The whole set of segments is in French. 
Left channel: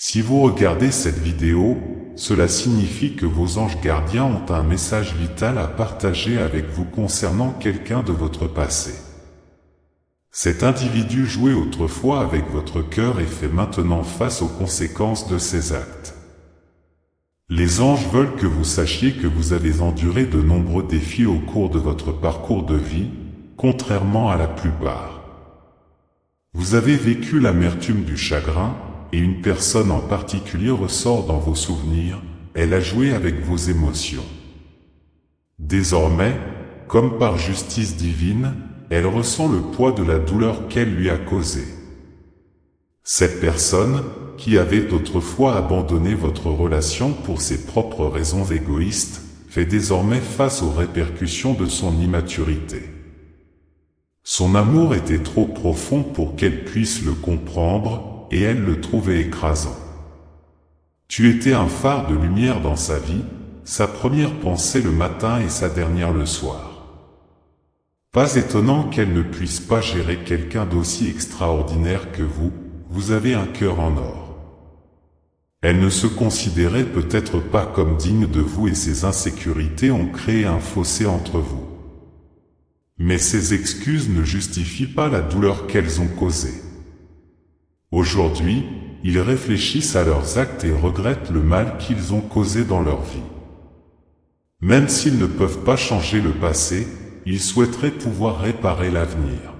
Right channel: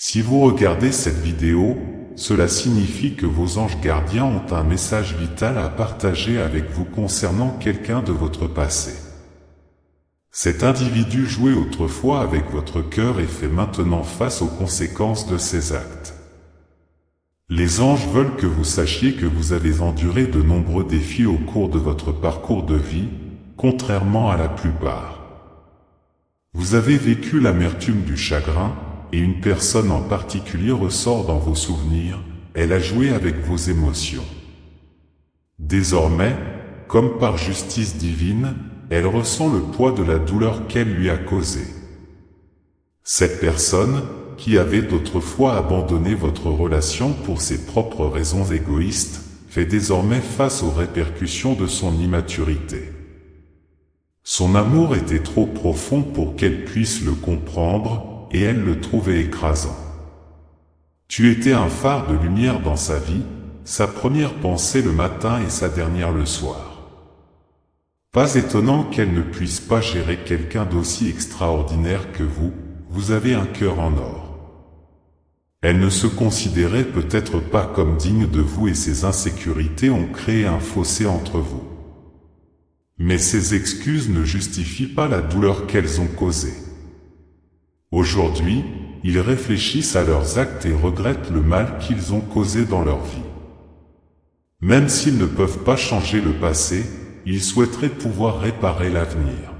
Si vous regardez cette vidéo, cela signifie que vos anges gardiens ont un message vital à partager avec vous concernant quelqu'un de votre passé. Cet individu jouait autrefois avec votre cœur et fait maintenant face aux conséquences de ses actes. Les anges veulent que vous sachiez que vous avez enduré de nombreux défis au cours de votre parcours de vie, contrairement à la plupart. Vous avez vécu l'amertume du chagrin, et une personne en particulier ressort dans vos souvenirs, elle a joué avec vos émotions. Désormais, comme par justice divine, elle ressent le poids de la douleur qu'elle lui a causée. Cette personne, qui avait autrefois abandonné votre relation pour ses propres raisons égoïstes, fait désormais face aux répercussions de son immaturité. Son amour était trop profond pour qu'elle puisse le comprendre, et elle le trouvait écrasant. Tu étais un phare de lumière dans sa vie, sa première pensée le matin et sa dernière le soir. Pas étonnant qu'elle ne puisse pas gérer quelqu'un d'aussi extraordinaire que vous avez un cœur en or. Elle ne se considérait peut-être pas comme digne de vous et ses insécurités ont créé un fossé entre vous. Mais ces excuses ne justifient pas la douleur qu'elles ont causée. Aujourd'hui, ils réfléchissent à leurs actes et regrettent le mal qu'ils ont causé dans leur vie. Même s'ils ne peuvent pas changer le passé, ils souhaiteraient pouvoir réparer l'avenir.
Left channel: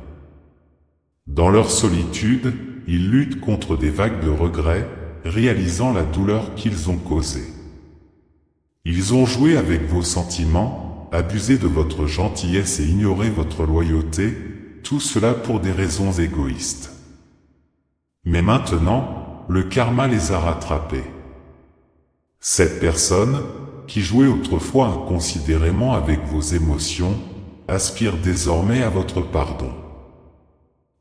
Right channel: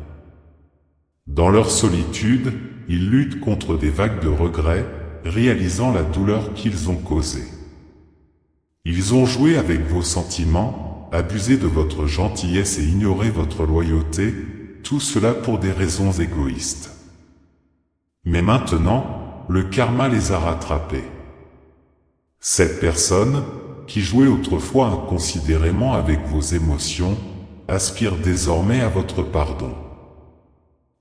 Dans leur solitude, ils luttent contre des vagues de regrets, réalisant la douleur qu'ils ont causée. Ils ont joué avec vos sentiments, abusé de votre gentillesse et ignoré votre loyauté, tout cela pour des raisons égoïstes. Mais maintenant, le karma les a rattrapés. Cette personne, qui jouait autrefois inconsidérément avec vos émotions, aspire désormais à votre pardon.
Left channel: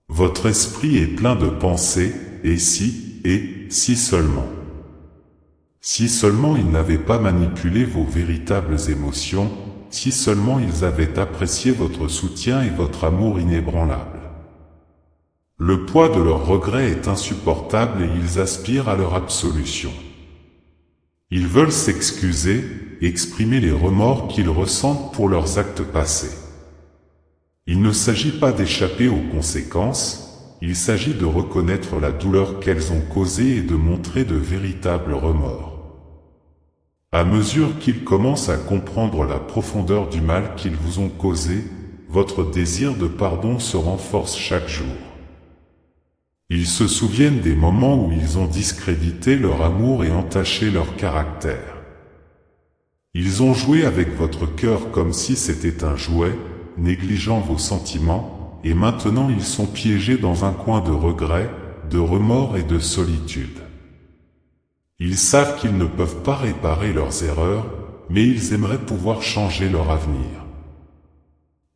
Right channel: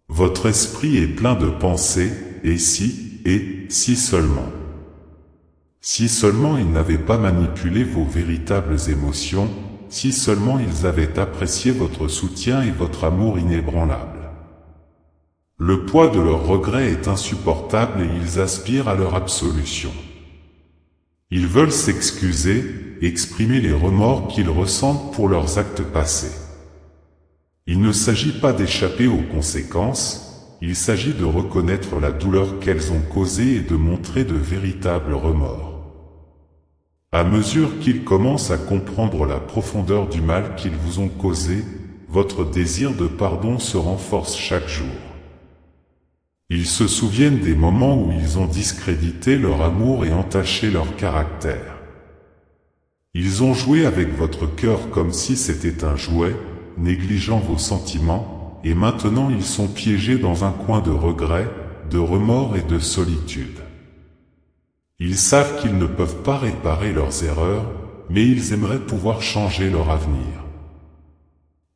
Votre esprit est plein de pensées, et si seulement. Si seulement ils n'avaient pas manipulé vos véritables émotions, si seulement ils avaient apprécié votre soutien et votre amour inébranlable. Le poids de leurs regrets est insupportable et ils aspirent à leur absolution. Ils veulent s'excuser, exprimer les remords qu'ils ressentent pour leurs actes passés. Il ne s'agit pas d'échapper aux conséquences, il s'agit de reconnaître la douleur qu'elles ont causée et de montrer de véritables remords. À mesure qu'ils commencent à comprendre la profondeur du mal qu'ils vous ont causé, votre désir de pardon se renforce chaque jour. Ils se souviennent des moments où ils ont discrédité leur amour et entaché leur caractère. Ils ont joué avec votre cœur comme si c'était un jouet, négligeant vos sentiments, et maintenant ils sont piégés dans un coin de regret, de remords et de solitude. Ils savent qu'ils ne peuvent pas réparer leurs erreurs, mais ils aimeraient pouvoir changer leur avenir.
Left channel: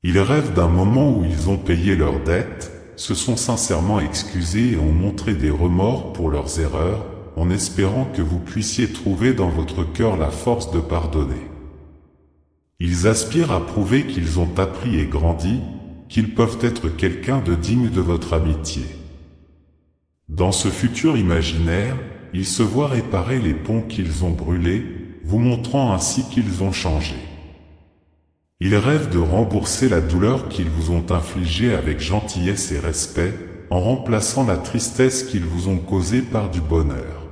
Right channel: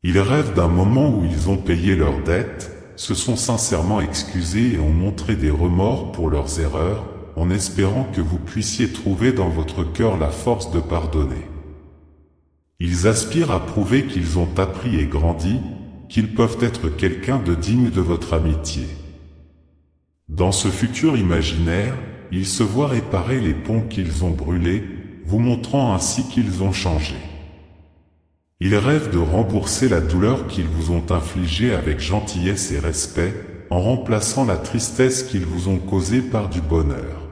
Ils rêvent d'un moment où ils ont payé leurs dettes, se sont sincèrement excusés et ont montré des remords pour leurs erreurs, en espérant que vous puissiez trouver dans votre cœur la force de pardonner. Ils aspirent à prouver qu'ils ont appris et grandi, qu'ils peuvent être quelqu'un de digne de votre amitié. Dans ce futur imaginaire, ils se voient réparer les ponts qu'ils ont brûlés, vous montrant ainsi qu'ils ont changé. Ils rêvent de rembourser la douleur qu'ils vous ont infligée avec gentillesse et respect, en remplaçant la tristesse qu'ils vous ont causée par du bonheur.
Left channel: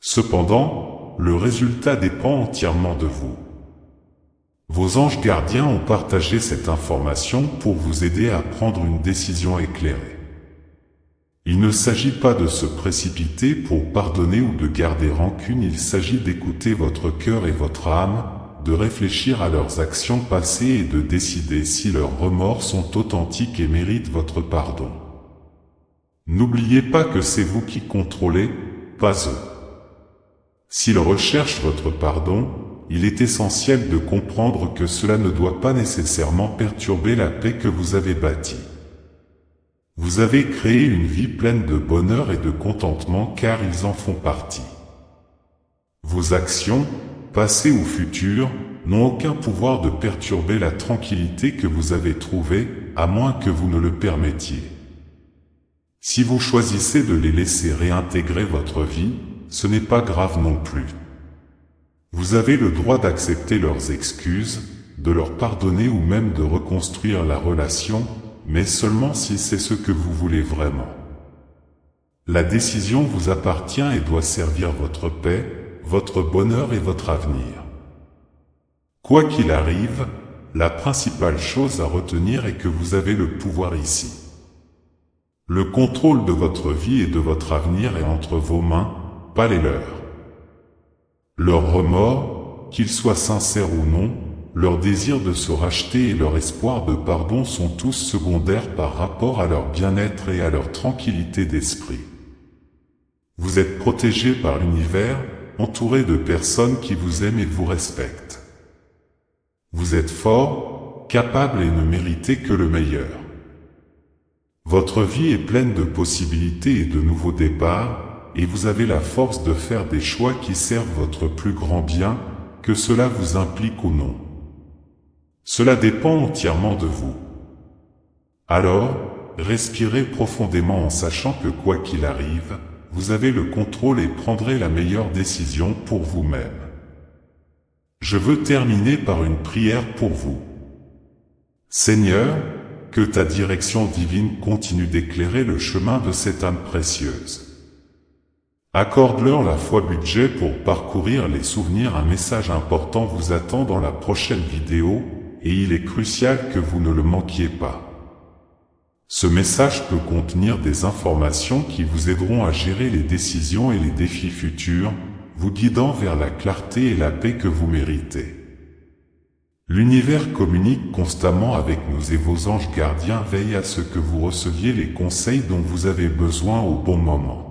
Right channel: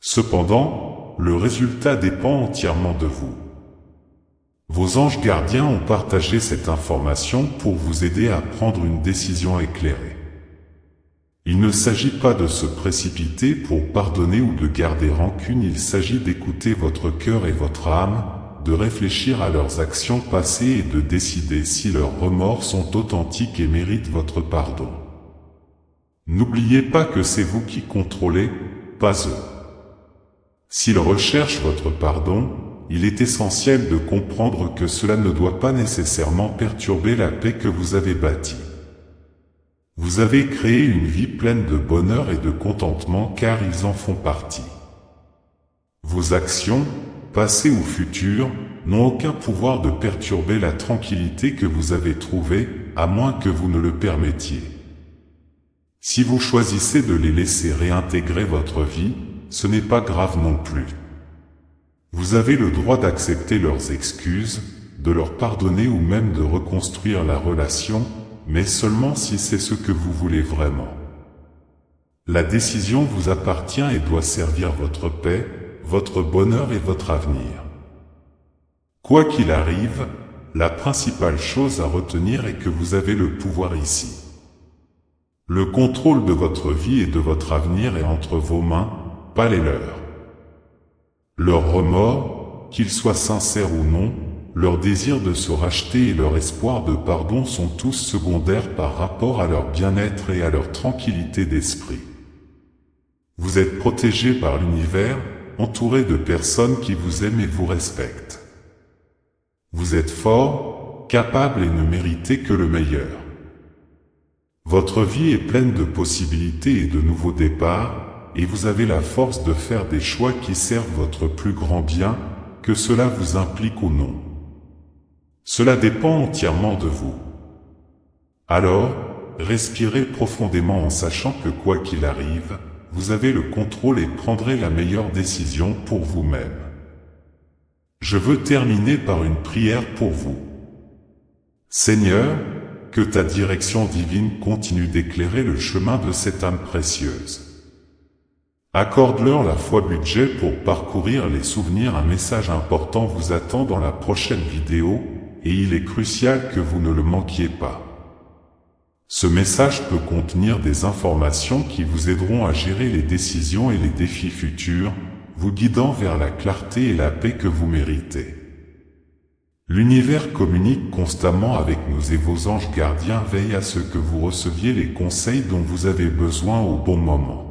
Cependant, le résultat dépend entièrement de vous. Vos anges gardiens ont partagé cette information pour vous aider à prendre une décision éclairée. Il ne s'agit pas de se précipiter pour pardonner ou de garder rancune, il s'agit d'écouter votre cœur et votre âme, de réfléchir à leurs actions passées et de décider si leurs remords sont authentiques et méritent votre pardon. N'oubliez pas que c'est vous qui contrôlez, pas eux. S'ils recherchent votre pardon, il est essentiel de comprendre que cela ne doit pas nécessairement perturber la paix que vous avez bâtie. Vous avez créé une vie pleine de bonheur et de contentement car ils en font partie. Vos actions, passées ou futures, n'ont aucun pouvoir de perturber la tranquillité que vous avez trouvée, à moins que vous ne le permettiez. Si vous choisissez de les laisser réintégrer votre vie, ce n'est pas grave non plus. Vous avez le droit d'accepter leurs excuses, de leur pardonner ou même de reconstruire la relation, mais seulement si c'est ce que vous voulez vraiment. La décision vous appartient et doit servir votre paix, votre bonheur et votre avenir. Quoi qu'il arrive, la principale chose à retenir est que vous avez le pouvoir ici. Le contrôle de votre vie et de votre avenir est entre vos mains, pas les leurs. Leurs remords, qu'ils soient sincères ou non, leur désir de se racheter et leur espoir de pardon sont tous secondaires par rapport à leur bien-être et à leur tranquillité d'esprit. Vous êtes protégé par l'univers, entouré de personnes qui vous aiment et vous respectent. Vous êtes fort, capable et ne méritez que le meilleur. Votre vie est pleine de possibilités et de nouveaux départs, et vous avez la force de faire des choix qui servent votre plus grand bien, que cela vous implique ou non. Cela dépend entièrement de vous. Alors, respirez profondément en sachant que quoi qu'il arrive, vous avez le contrôle et prendrez la meilleure décision pour vous-même. Je veux terminer par une prière pour vous. Seigneur, que ta direction divine continue d'éclairer le chemin de cette âme précieuse. Accorde-leur la foi budget pour parcourir les souvenirs. Un message important vous attend dans la prochaine vidéo, et il est crucial que vous ne le manquiez pas. Ce message peut contenir des informations qui vous aideront à gérer les décisions et les défis futurs, vous guidant vers la clarté et la paix que vous méritez. L'univers communique constamment avec nous et vos anges gardiens veillent à ce que vous receviez les conseils dont vous avez besoin au bon moment.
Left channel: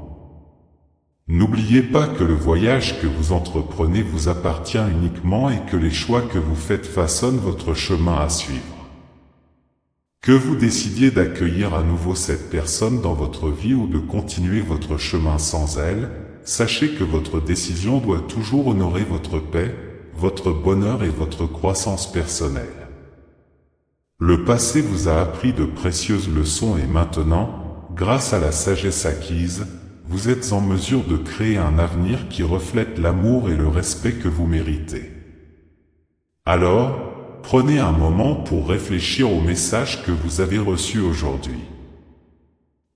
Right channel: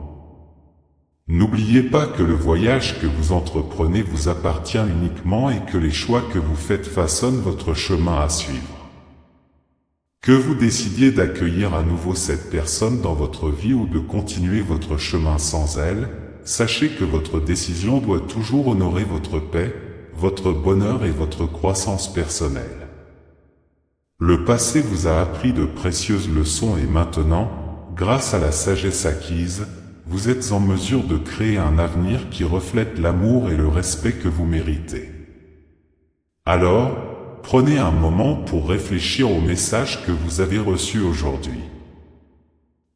N'oubliez pas que le voyage que vous entreprenez vous appartient uniquement et que les choix que vous faites façonnent votre chemin à suivre. Que vous décidiez d'accueillir à nouveau cette personne dans votre vie ou de continuer votre chemin sans elle, sachez que votre décision doit toujours honorer votre paix, votre bonheur et votre croissance personnelle. Le passé vous a appris de précieuses leçons et maintenant, grâce à la sagesse acquise, vous êtes en mesure de créer un avenir qui reflète l'amour et le respect que vous méritez. Alors, prenez un moment pour réfléchir au message que vous avez reçu aujourd'hui.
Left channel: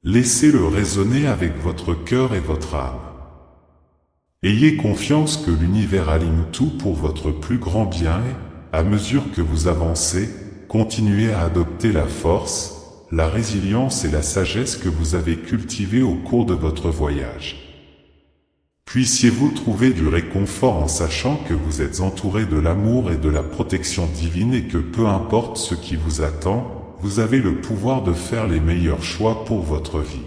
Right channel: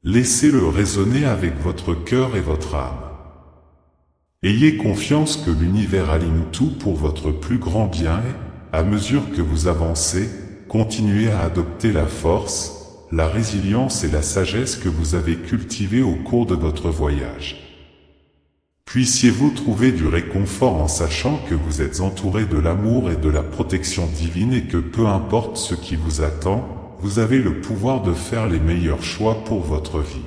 Laissez-le résonner avec votre cœur et votre âme. Ayez confiance que l'univers aligne tout pour votre plus grand bien et, à mesure que vous avancez, continuez à adopter la force, la résilience et la sagesse que vous avez cultivées au cours de votre voyage. Puissiez-vous trouver du réconfort en sachant que vous êtes entouré de l'amour et de la protection divine et que peu importe ce qui vous attend, vous avez le pouvoir de faire les meilleurs choix pour votre vie.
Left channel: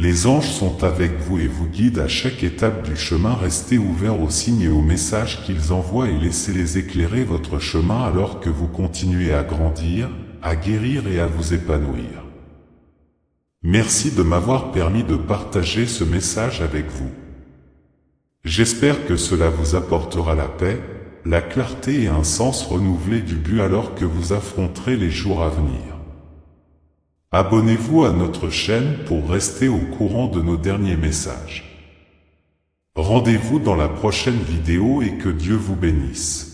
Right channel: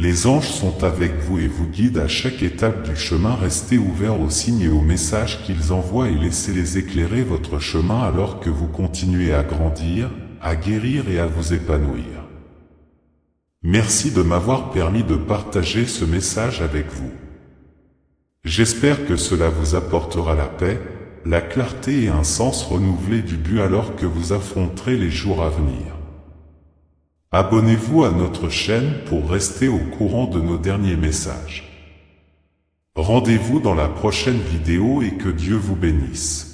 Les anges sont avec vous et vous guident à chaque étape du chemin. Restez ouverts aux signes et aux messages qu'ils envoient et laissez-les éclairer votre chemin alors que vous continuez à grandir, à guérir et à vous épanouir. Merci de m'avoir permis de partager ce message avec vous. J'espère que cela vous apportera la paix, la clarté et un sens renouvelé du but alors que vous affronterez les jours à venir. Abonnez-vous à notre chaîne pour rester au courant de nos derniers messages. Rendez-vous dans la prochaine vidéo et que Dieu vous bénisse.